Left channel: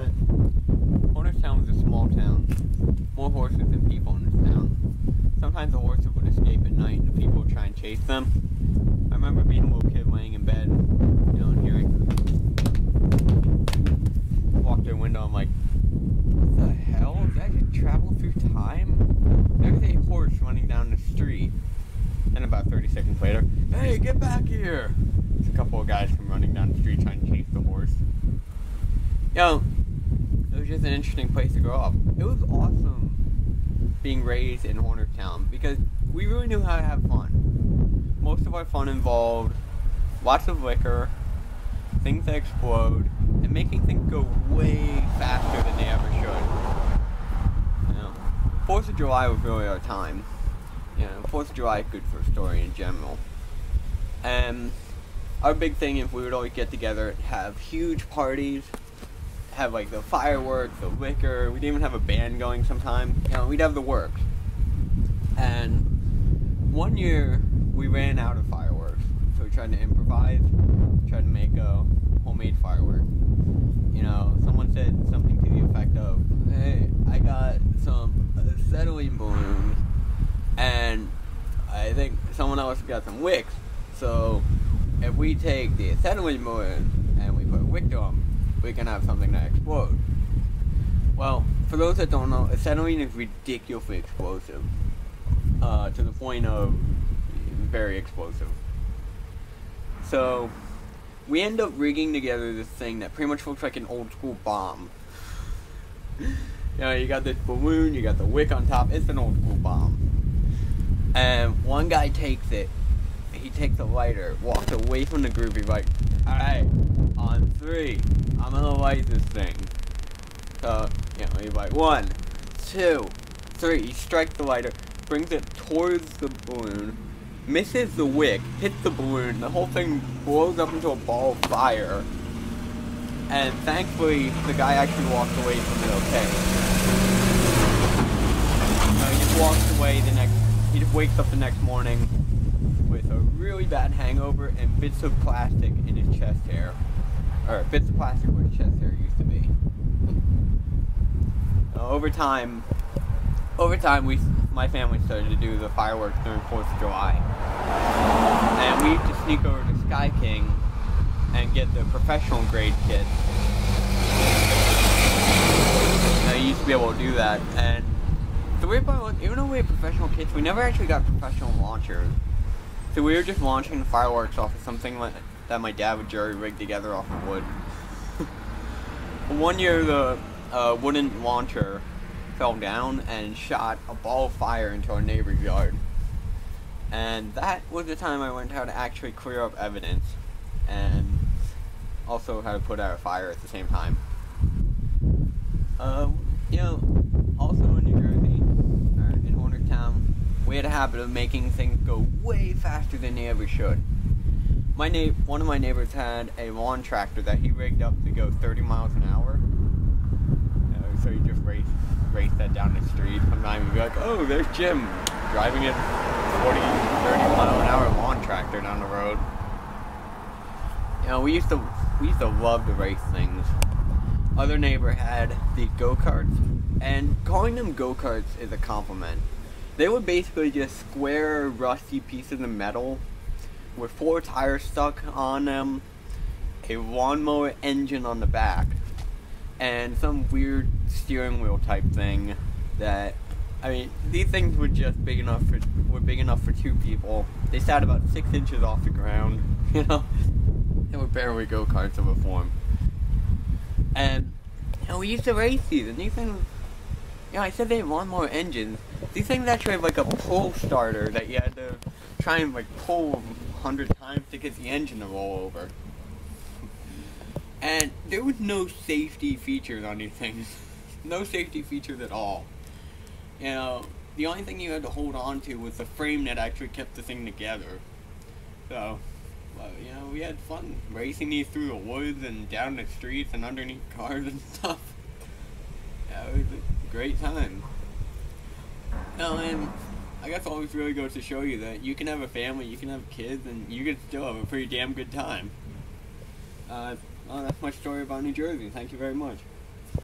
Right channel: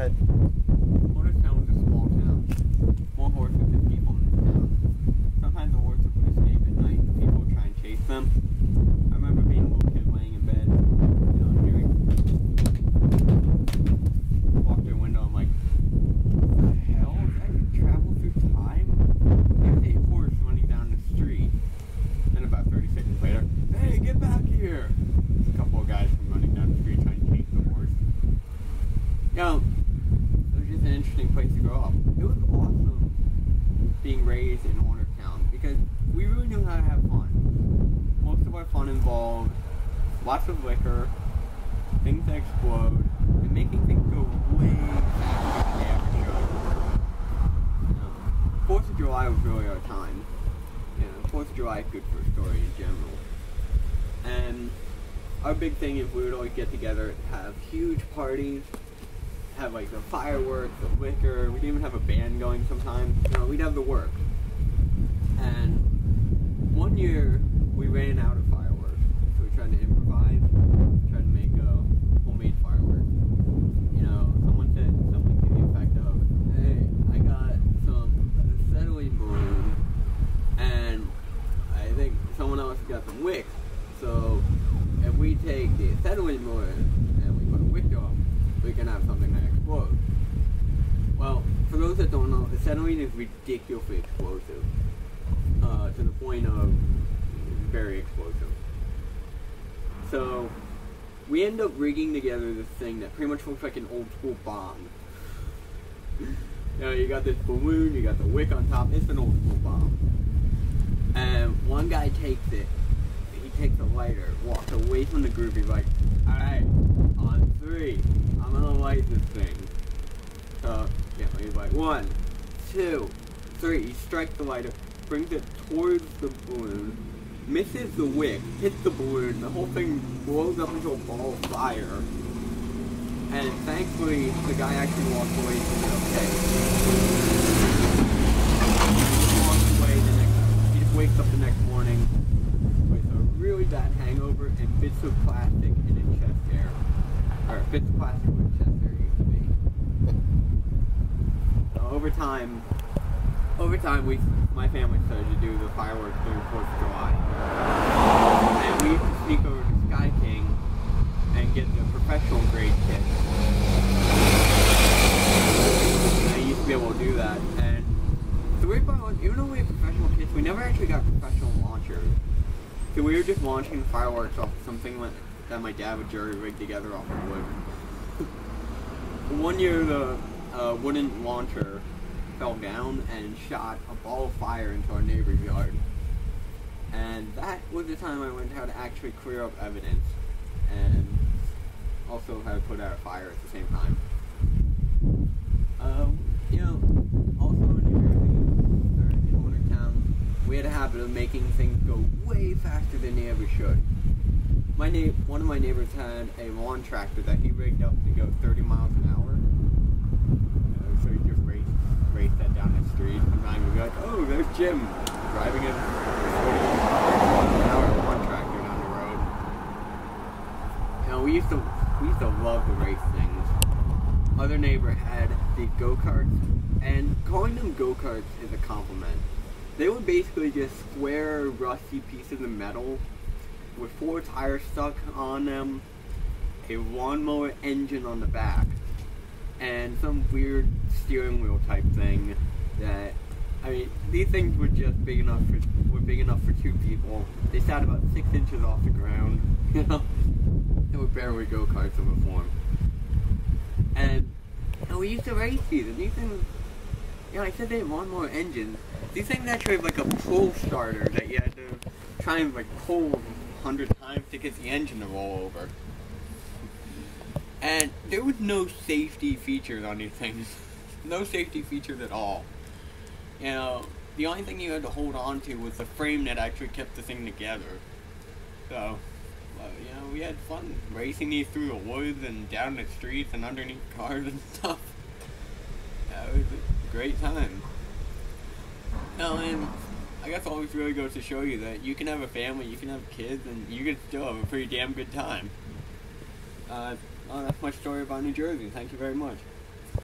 ahead. Hornerstown was a small town. More horses than people in this town. Sometimes the horses would escape at night and people would try and chase them. I remember being a little kid laying in bed, hearing walk through the window. I'm like, what the hell? Did I just travel through time? There's a horse running down the street. And about 30 seconds later, hey, get back here! There's a couple of guys from running down the street trying to chase the horse. It was just an interesting place to grow up. It was awesome being raised in Hornerstown because we really knew how to have fun. Most of our fun involved lots of liquor, things that explode, and making things go way faster than they ever should. 4th of July was really our time. 4th of July is good for a story in general. And our big thing is we would always get together, have huge parties, have like the fireworks, the liquor, we'd even have a band going sometimes. We'd have the works. And one year we ran out of fireworks, so we tried to improvise, tried to make a homemade firework. Someone said something to the effect of, hey, I got some acetylene balloons, and I think someone else got some wicks, so if we take the acetylene balloon and we put a wick to them, we can have something that explodes. Well, for those that don't know, acetylene is ridiculously explosive, to the point of very explosive. So, we end up rigging together this thing that pretty much looks like an old school bomb. You got this balloon, you got the wick on top, it's an old school bomb. And one guy takes it, he takes a lighter, walks away from the group, he's like, alright, on 3, I'm gonna light this thing. So, he's like, 1, 2, 3, he strikes the lighter, brings it towards the balloon, misses the wick, hits the balloon, the whole thing blows up into a ball of fire. And thankfully, the guy actually walked away from it okay. He walks away he just wakes up the next morning with a really bad hangover and bits of plastic in his chest hair. Or bits of plastic where his chest hair used to be. Over time, my family started to do the fireworks during 4th of July. And we used to sneak over to Sky King and get the professional grade kits. And I used to be able to do that. And the weird part was, even though we had professional kits, we never actually got professional launchers. So we were just launching the fireworks off of something that my dad would jerry rig together off of wood. One year, the wooden launcher fell down and shot a ball of fire into our neighbor's yard. And that was the time I learned how to actually clear up evidence and also how to put out a fire at the same time. Also in New Jersey, in Hornerstown, we had a habit of making things go way faster than they ever should. One of my neighbors had a lawn tractor that he rigged up to go 30 miles an hour. So he just race that down the street. Sometimes we'd be like, oh, there's Jim driving a 40 miles an hour lawn tractor down the road. We used to love to race things. Other neighbor had the go-karts, and calling them go-karts is a compliment. They were basically just square, rusty pieces of metal with 4 tires stuck on them, a lawnmower engine on the back, and some weird steering wheel type thing that, these things were just big enough for 2 people. They sat about 6 inches off the ground, They were barely go-karts of a form. And we used to race these, and these things, I said they had lawnmower engines. These things actually have like a pull starter that you had to try and pull 100 times to get the engine to roll over. And there was no safety features on these things. No safety features at all. The only thing you had to hold on to was the frame that actually kept the thing together. So, we had fun racing these through the woods and down the streets and underneath cars and stuff. It was a great time. And I guess it always really goes to show you that you can have a family, you can have kids, and you can still have a pretty damn good time. Well, that's my story about New Jersey. Thank you very much.